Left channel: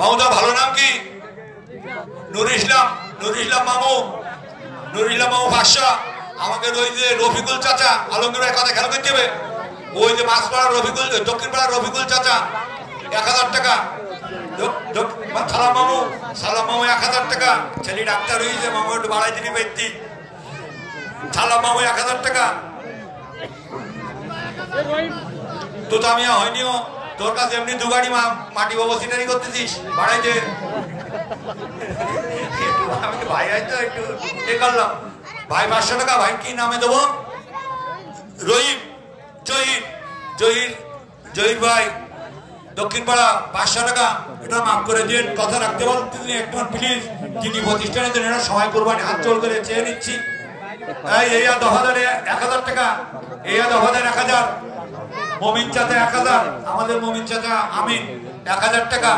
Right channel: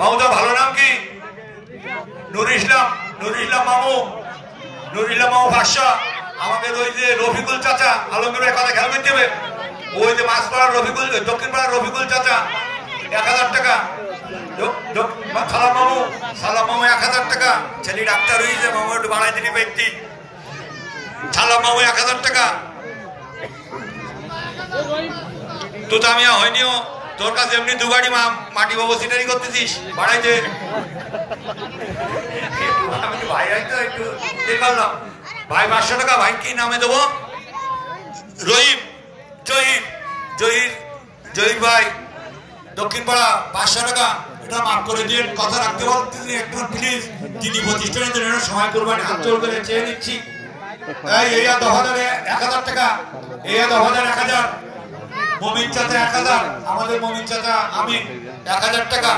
মামুটা ভালো নাম কি? নুরুল ইসলাম। নুরুল ইসলাম মামু। নুরুল ইসলাম মামু 500। আমাকে ওই যে রফিকুল চাচা আলমগীর ভাই কথা খেয়াল করতে হবে। ওই যে মাছপাড়ার রফিকুল, দক্ষিণ পাড়ার রফিকুল চাচা 1000 টাকা। সালাম মামু, সালাম মামু 1000 টাকা। ছেলে ডাক্তার হয়েছে, মামু একটু বাড়াই দিলি ব্যক্তি। সালাম মামু 1000 টাকা। তো আমি হয়নিও তোর কাছে এমনি 2 গাড়ি মাটি বাবু সিনারি করতেছিস, বাড়াই দে ভাই। তো একটু করলাম ভাই 500 টাকা। ভাই কি নামে দেবো? রহিম, জহির, জহির, জহির ভাই দক্ষিণ পাড়া 500 টাকা। এটা মাফ করে দিন, কথা রাখতে বলতেছি একটু প্লিজ। যিনি প্রতিষ্ঠানের জন্য সময় করবেন, হাত জোর করে চেয়ে নিচ্ছি। এই 10,000 টাকা। এই 10,000 মমিন চাচা 1000, আমাদের মমিন চাচা আমিন 1000 টাকা।